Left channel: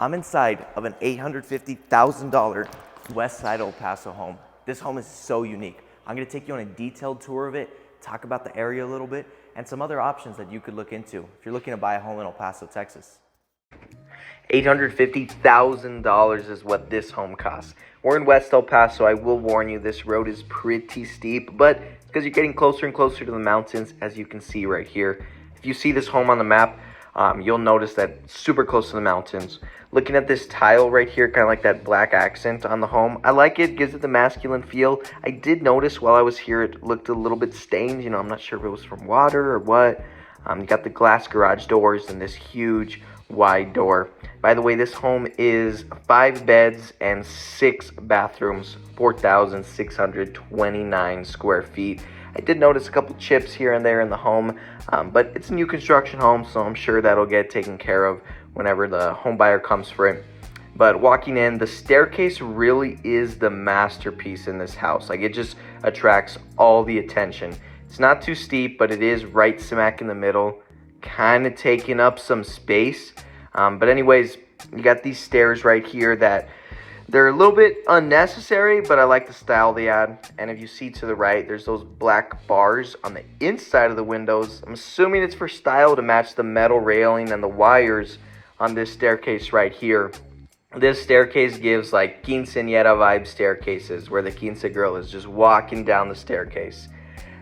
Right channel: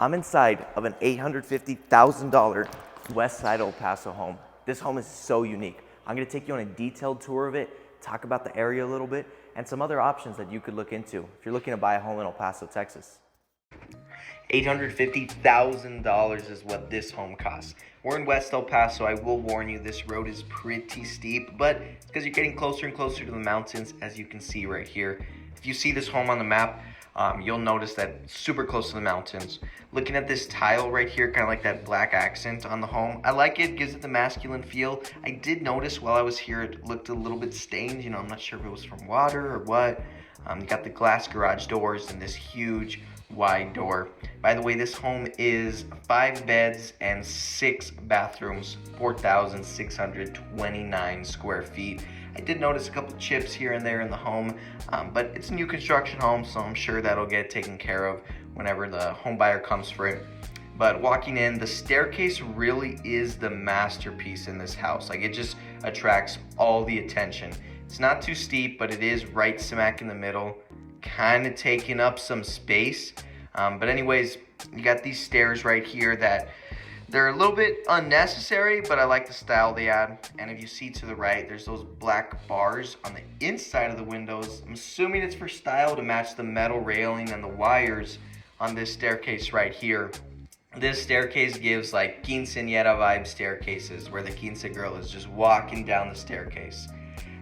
I'm inside of an $850,000 West Side El Paso home. This home is so unique. I'm gonna take you on a detailed tour of it, talk about the area a little bit, and some other options that you could look into if you're looking to buy a home in El Paso, Texas. $850,000 is what this home costs. We're in West El Paso. I will warn you, this road is pretty steep, but because you're getting closer and closer to the mountains, as you can see right here. If you see this home on the map, you'll notice that it's super close to the mountains. Looking at this tile right here, kind of like that black accent on the home, I like it, gives it the masculine feel. I did notice while I was here, it looked a little bit stained. You know, I'm not sure if it was from water or what. You got the glass garage doors and this huge wide door. By the way, this home is 5 beds and 6 bathrooms, 4,629 square feet. I did notice a couple chips here and there in the home, but it's a new construction home, so I'm sure that'll get taken care of whenever the home buyer comes for it. But walking in, the staircase really is the masterpiece in this house. Like, it just attracts all the attention. It's not too steep, but it is right smack in the middle, kind of taking up some space. But anyways, you got these stairs right here that they're a little bit unnecessary, but I like the style they add. And if you see to the right, there's those black bars on the inside of the windows. I'm assuming it's for style to match the metal railing and the wires on this staircase right here. This staircase gives like quinceañera vibe staircases, where the quince girl is just walking down the staircase.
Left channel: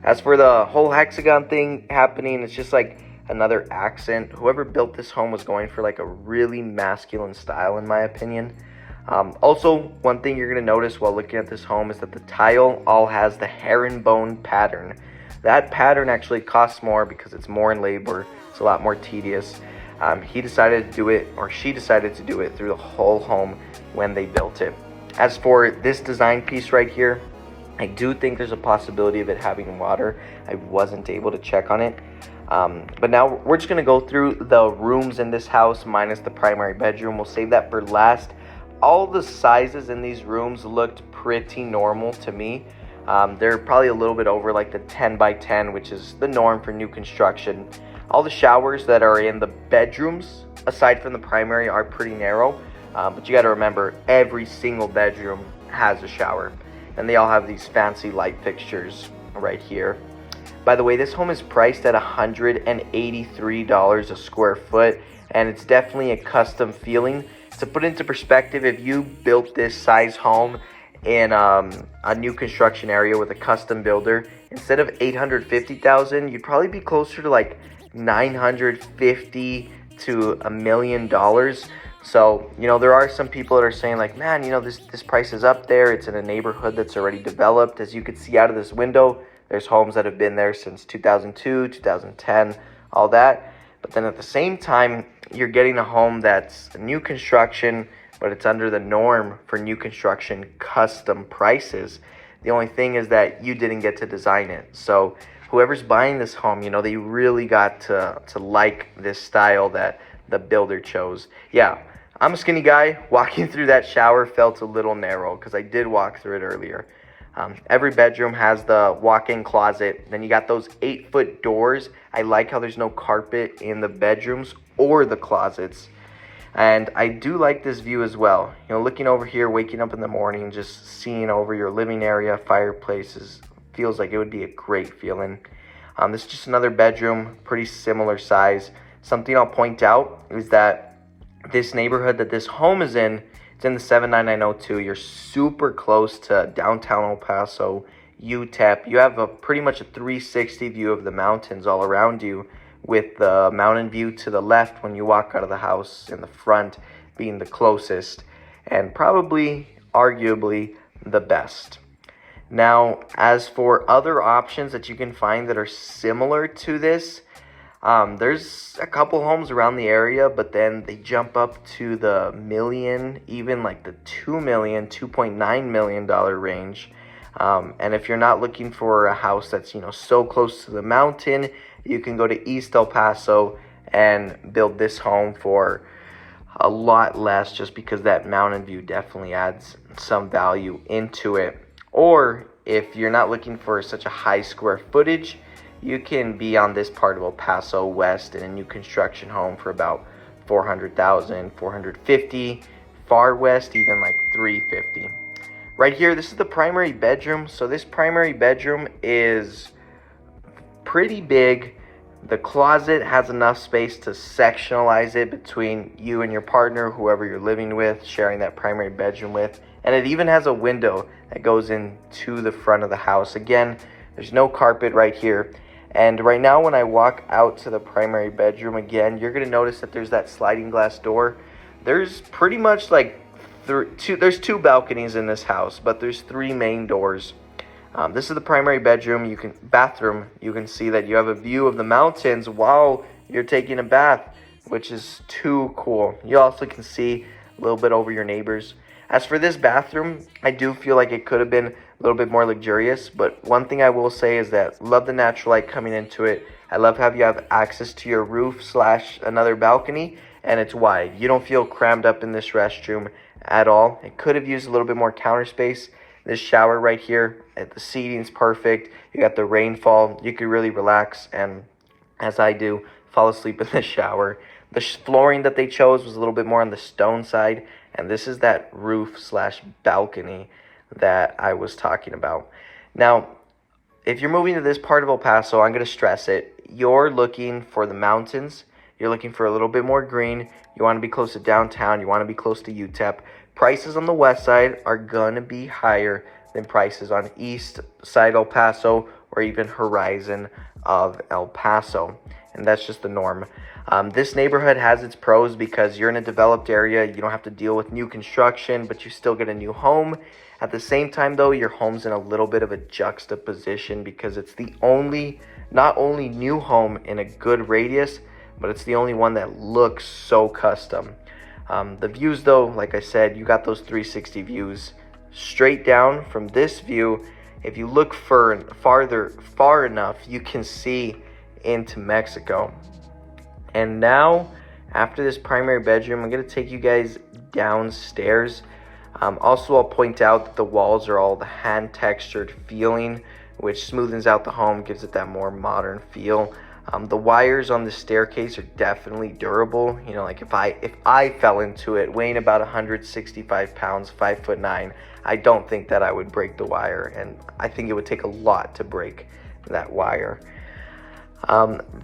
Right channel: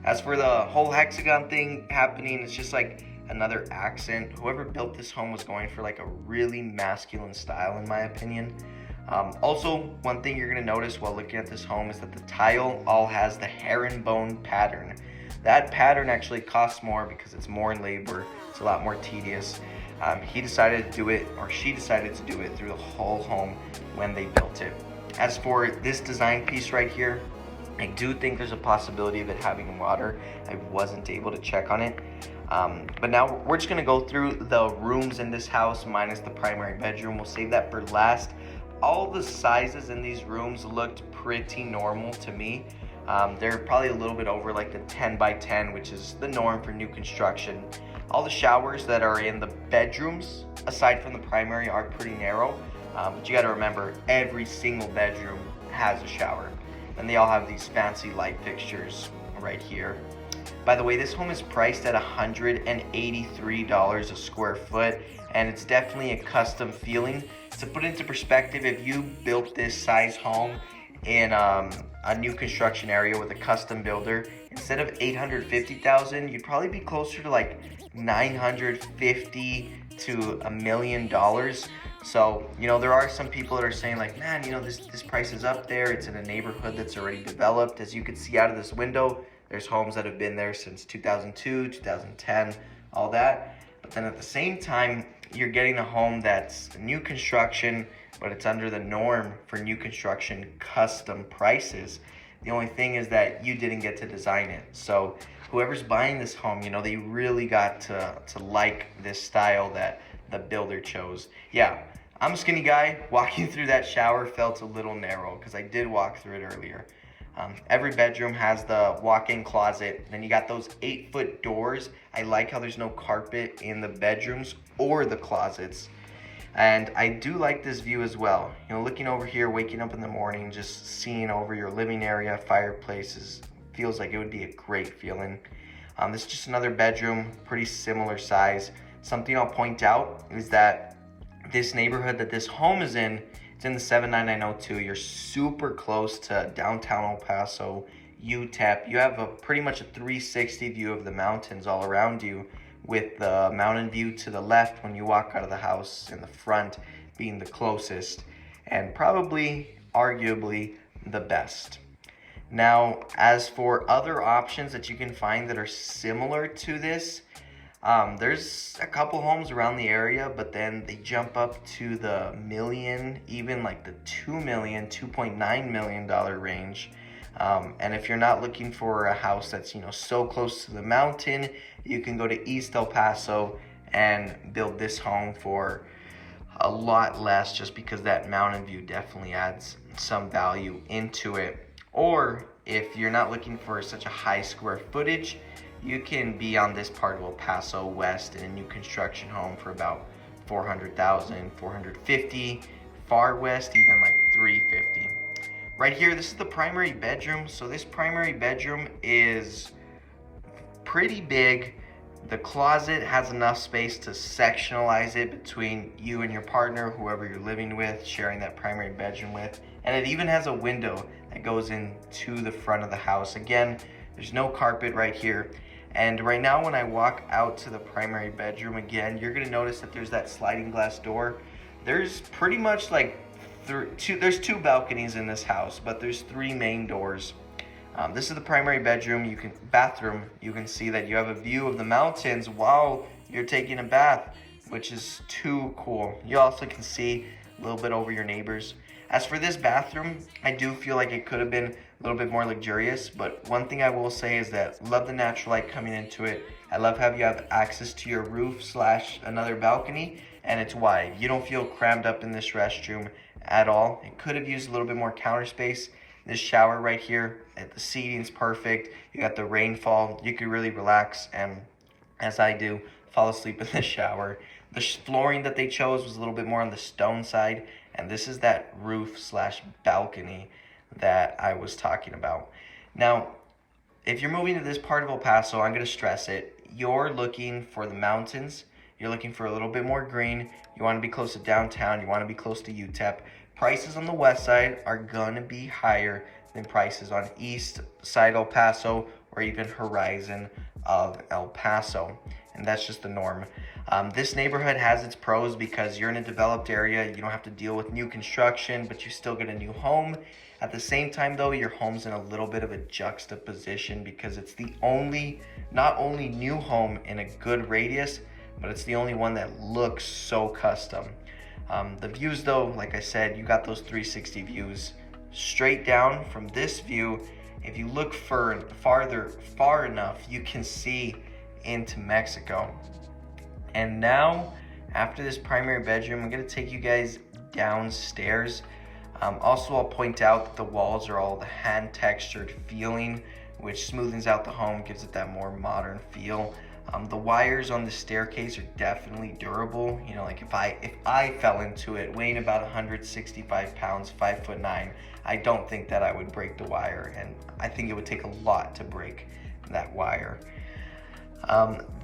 As for the whole hexagon thing happening, it's just like another accent. Whoever built this home was going for like a really masculine style, in my opinion. Also, one thing you're going to notice while looking at this home is that the tile all has the herringbone pattern. That pattern actually costs more because it's more in labor. It's a lot more tedious. He decided to do it, or she decided to do it through the whole home when they built it. As for this design piece right here, I do think there's a possibility of it having water. I wasn't able to check on it. But now we're just going to go through the rooms in this house minus the primary bedroom. We'll save that for last. All the sizes in these rooms looked pretty normal to me. They're probably a little bit over like the 10 by 10, which is the norm for new construction. All the showers that are in the bedrooms, aside from the primary, are pretty narrow. But you got to remember, every single bedroom has a shower. And they all have these fancy light fixtures right here. By the way, this home is priced at $183 a square foot, and it's definitely a custom feeling. To put into perspective, if you built this size home in a new construction area with a custom builder, instead of $850,000, you'd probably be closer to like $950 to $1 million. So, you know, there are some people that are saying like, man, you know, this price is up there. It's in a neighborhood that's already developed. As you can see out of this window, there's homes that have been there since 2002, 2010, all that. But then at the same time, you're getting a home that's a new construction, but it's under the norm for new construction custom prices. The only thing is that you didn't get to design it. So whoever's buying this home, you know, they really got to like this style that the builder chose. Yeah, I'm a skinny guy. Walking through that shower felt a little narrow because I did walk through it earlier. Every bedroom has the walk-in closet. Then you got those 8-foot doors. I like how there's no carpet in the bedrooms or the closets. And I do like this view as well. You know, looking over here, waking up in the morning, just seeing over your living area, fireplaces, feels like it would be a great feeling. This is just another bedroom, pretty similar size. Something I'll point out is that this neighborhood that this home is in, it's in the 79902. You're super close to downtown El Paso, UTEP. You have pretty much a 360 view of the mountains all around you, with the mountain view to the left when you walk out of the house in the front being the closest and probably, arguably, the best. Now, as for other options that you can find that are similar to this, there's a couple homes around the area, but then they jump up to the million, even like the $2 million, $2.9 million range. And if you're not looking for a house that's, you know, so close to the mountain, you can go to East El Paso and build this home for a lot less, just because that mountain view definitely adds some value into it. Or if you're not looking for such a high square footage, you can be on this part of El Paso West in a new construction home for about 400,000, 450, far west even like 350. Right here, this is the primary bedroom. So this primary bedroom is pretty big. The closet has enough space to sectionalize it between you and your partner, whoever you're living with, sharing that primary bedroom with. And it even has a window that goes into the front of the house. Again, there's no carpet right here. And right now when I walk out to the primary bedroom again, you're gonna notice that there's that sliding glass door. There's pretty much like there's two balconies in this house, but there's 3 main doors. This is the primary bedroom. Bathroom. You can see that you have a view of the mountains while you're taking a bath, which is too cool. You also can see a little bit over your neighbors. As for this bathroom, I do feel like it could have been a little bit more luxurious, but one thing I will say is that love the natural light coming into it. I love how you have access to your roof / another balcony, and it's wide. You don't feel crammed up in this restroom at all. It could have used a little bit more counter space. This shower right here, the seating's perfect. You got the rainfall. You could really relax, and as I do, fall asleep in the shower. The flooring that they chose was a little bit more on the stone side, and this is that roof / balcony that I was talking about. Now, if you're moving to this part of El Paso, I'm gonna stress it. You're looking for the mountains. You're looking for a little bit more green. You wanna be close to downtown. You wanna be close to UTEP. Prices on the west side are gonna be higher than prices on east side El Paso or even horizon of El Paso. And that's just the norm. This neighborhood has its pros because you're in a developed area. You don't have to deal with new construction, but you still get a new home. At the same time though, your home's in a little bit of a juxtaposition because it's the not only new home in a good radius, but it's the only one that looks so custom. The views though, like I said, you got those 360 views. Straight down from this view, if you look far enough, you can see into Mexico. And now, after this primary bedroom, I'm gonna take you guys downstairs. Also, I'll point out that the walls are all the hand textured feeling, which smoothens out the home, gives it that more modern feel. The wires on the staircase are definitely durable. You know, like if I fell into it, weighing about 165 pounds, 5'9", I don't think that I would break the wire, and I think it would take a lot to break that wire.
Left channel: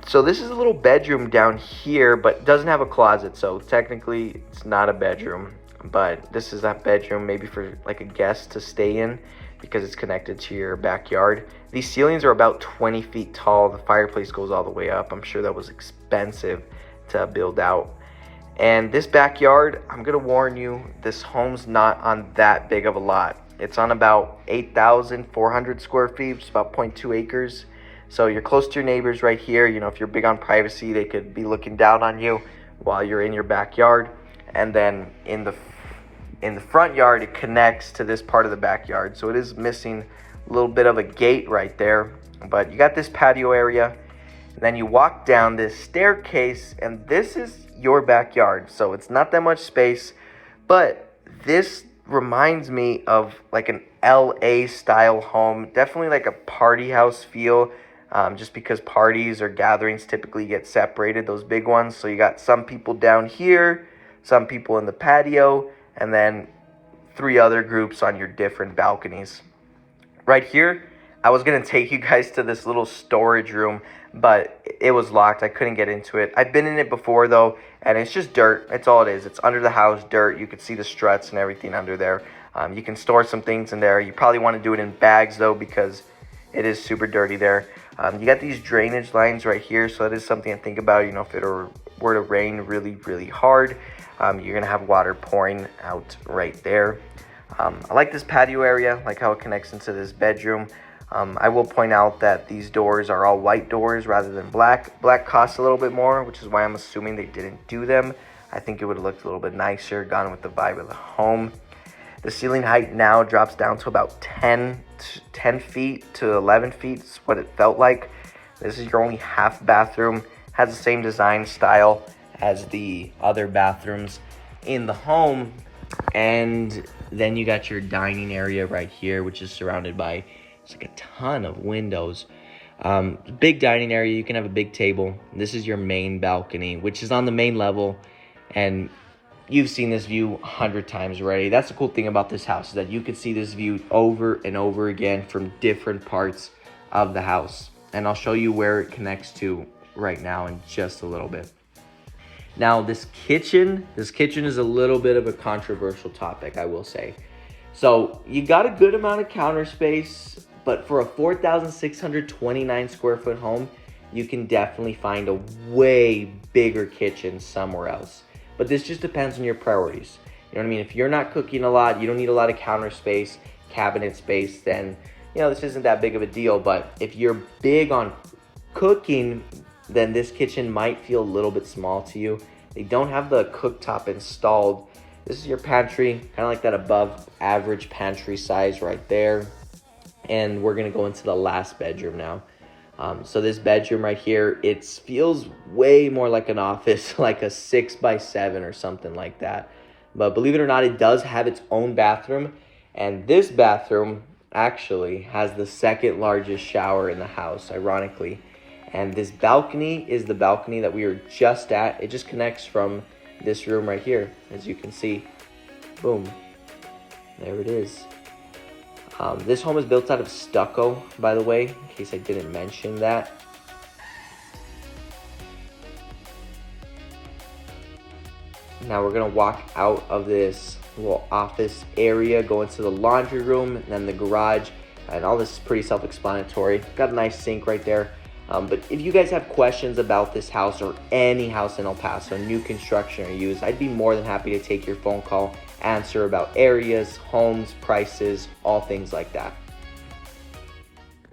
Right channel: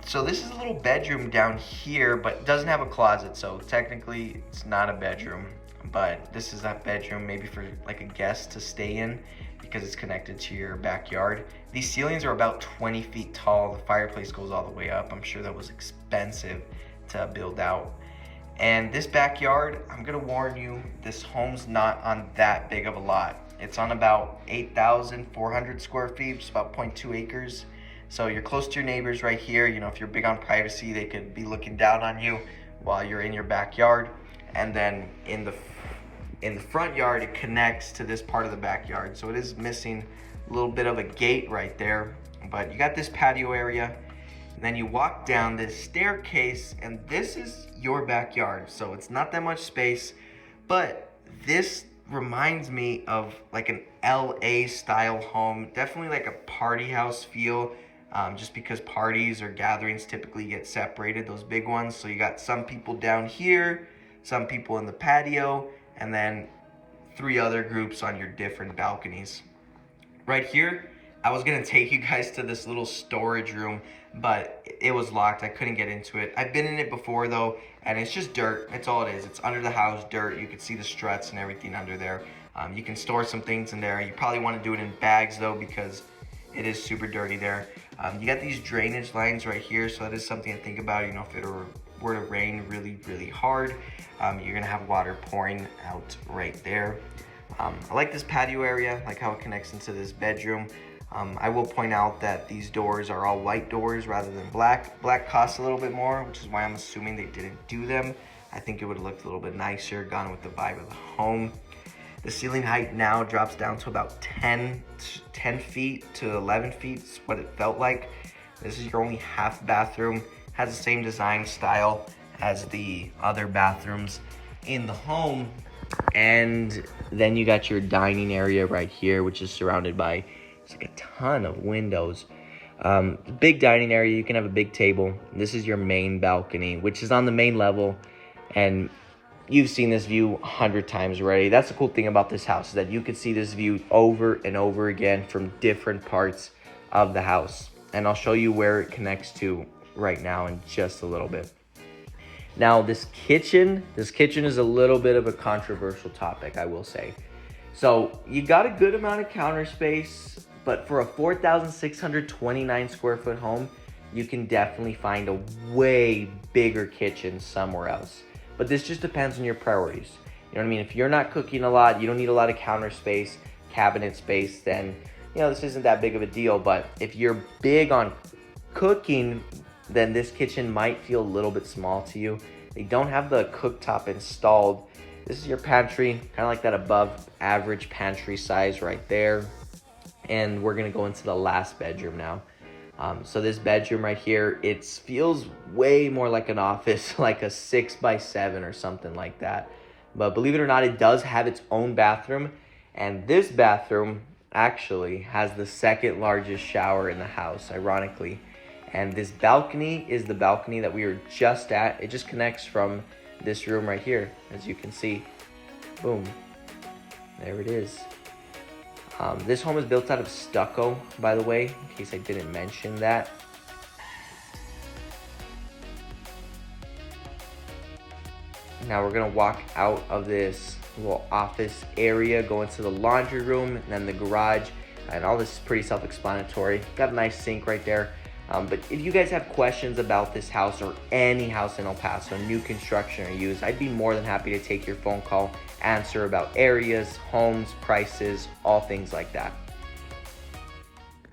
So this is a little bedroom down here, but it doesn't have a closet, so technically it's not a bedroom. But this is that bedroom, maybe for like a guest to stay in, because it's connected to your backyard. These ceilings are about 20 feet tall. The fireplace goes all the way up. I'm sure that was expensive to build out. And this backyard, I'm gonna warn you, this home's not on that big of a lot. It's on about 8,400 square feet, it's about 0.2 acres. So you're close to your neighbors right here. You know, if you're big on privacy, they could be looking down on you while you're in your backyard. And then in the front yard, it connects to this part of the backyard. So it is missing a little bit of a gate right there, but you got this patio area. And then you walk down this staircase, and this is your backyard. So it's not that much space, but this reminds me of like an LA style home, definitely like a party house feel. Just because parties or gatherings typically get separated, those big ones. So you got some people down here, some people in the patio, and then 3 other groups on your different balconies. Right here, I was gonna take you guys to this little storage room, but it was locked. I couldn't get into it. I've been in it before though, and it's just dirt. It's all it is. It's under the house, dirt. You can see the struts and everything under there. You can store some things in there. You probably want to do it in bags though, because it is super dirty there. You got these drainage lines right here, so that is something to think about. You know, if it were to rain really, really hard, you're gonna have water pouring out right there. I like this patio area, like how it connects into this bedroom. I will point out that these doors are all white doors rather than black. Black costs a little bit more, which is why I'm assuming they didn't do them. I think it would have looked a little bit nicer, gone with the vibe of the home. The ceiling height now drops down to about 10 feet to 11 feet is what it felt like. This is your only half bathroom. Has the same design style as the other bathrooms in the home. And then you got your dining area right here, which is surrounded by like a ton of windows. Big dining area, you can have a big table. This is your main balcony, which is on the main level. And you've seen this view 100 times already. That's the cool thing about this house, is that you can see this view over and over again from different parts of the house. And I'll show you where it connects to right now in just a little bit. Now, this kitchen is a little bit of a controversial topic, I will say. So you got a good amount of counter space, but for a 4,629 square foot home, you can definitely find a way bigger kitchen somewhere else. But this just depends on your priorities. You know what I mean? If you're not cooking a lot, you don't need a lot of counter space, cabinet space, then, you know, this isn't that big of a deal. But if you're big on cooking, then this kitchen might feel a little bit small to you. They don't have the cooktop installed. This is your pantry, kind of like that above average pantry size right there. And we're gonna go into the last bedroom now. So this bedroom right here, it feels way more like an office, like a 6x7 or something like that. But believe it or not, it does have its own bathroom. And this bathroom actually has the second largest shower in the house, ironically. And this balcony is the balcony that we were just at. It just connects from this room right here, as you can see. Boom. There it is. This home is built out of stucco, by the way, in case I didn't mention that. Now we're gonna walk out of this little office area, go into the laundry room, and then the garage, and all this is pretty self-explanatory. Got a nice sink right there. But if you guys have questions about this house or any house in El Paso, new construction or used, I'd be more than happy to take your phone call, answer about areas, homes, prices, all things like that.